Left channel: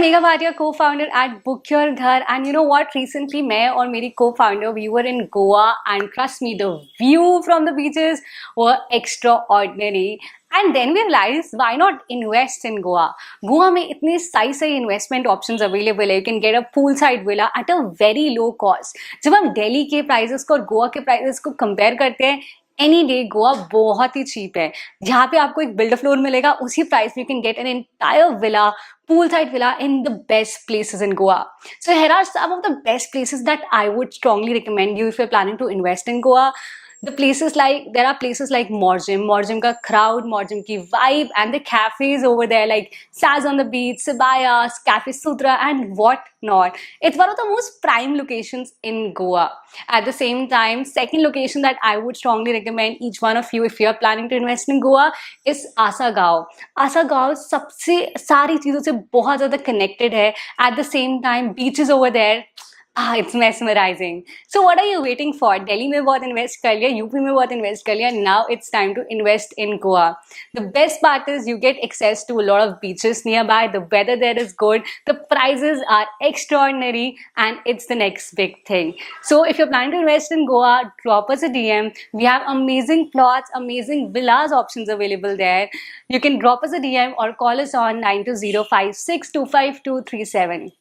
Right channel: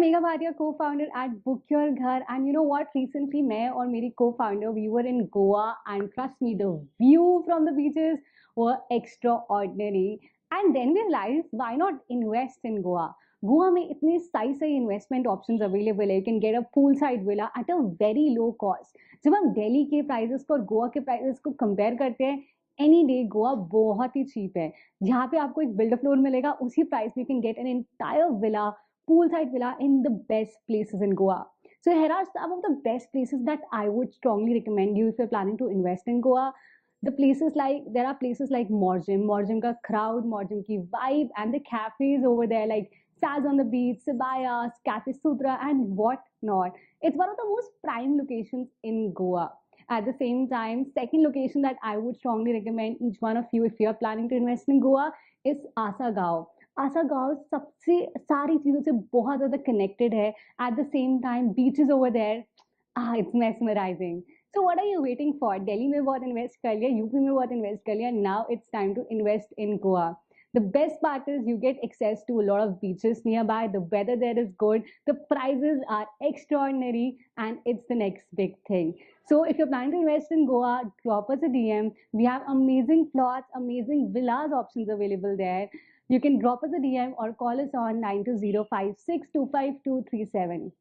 Megha Bhatia, co-founder at Book Your Ghar, and you know what? Recently, मैं और मेरी co-founder we were in Goa, and trust me, the view from the beaches were extraordinary. And then we realized, why not invest in Goa? Goa में इतने सही investment options available है. You can get a poolside villa at a very low cost. जब हम दिल्ली के prices को और गोवा के prices को compare करते हैं, एनी डे गोवा बहुत ही चीप है. जहाँ पे आपको एक बिल्डर फ्लोर मिलेगा, उसी प्राइस में you can get an entire villa, poolside villa in the best places in Goa. So here are some of the best places that I would strongly recommend you if you're planning to invest in Goa. There are places like Morjim ka crowd, Morjim ki vibe, and the cafes over there like Saz on the Beach, Sibayas, Cafe Sutra, and what not. It's one of the most prime locations in Goa. At the same time, second location that I would strongly recommend each one of you if you're planning to invest in Goa is Asagaon. Asagaon सबसे सारी चीज़ों से बहुत ज़्यादा connected है. At the same time, beaches over there. It's mesmerizing. So what are you waiting for? Delhi में बहुत invest कर लिया, यूपी में बहुत invest कर लिया. Now it's time to invest in Goa. The best part is you get access to a lot of beaches nearby. The weather there is good. The prices are extraordinary, and it's the next big thing. So if you're planning to invest in Goa, drop us a DM. We have amazing plots, amazing villas options available there. You can drop us a DM or call us on 92056252237.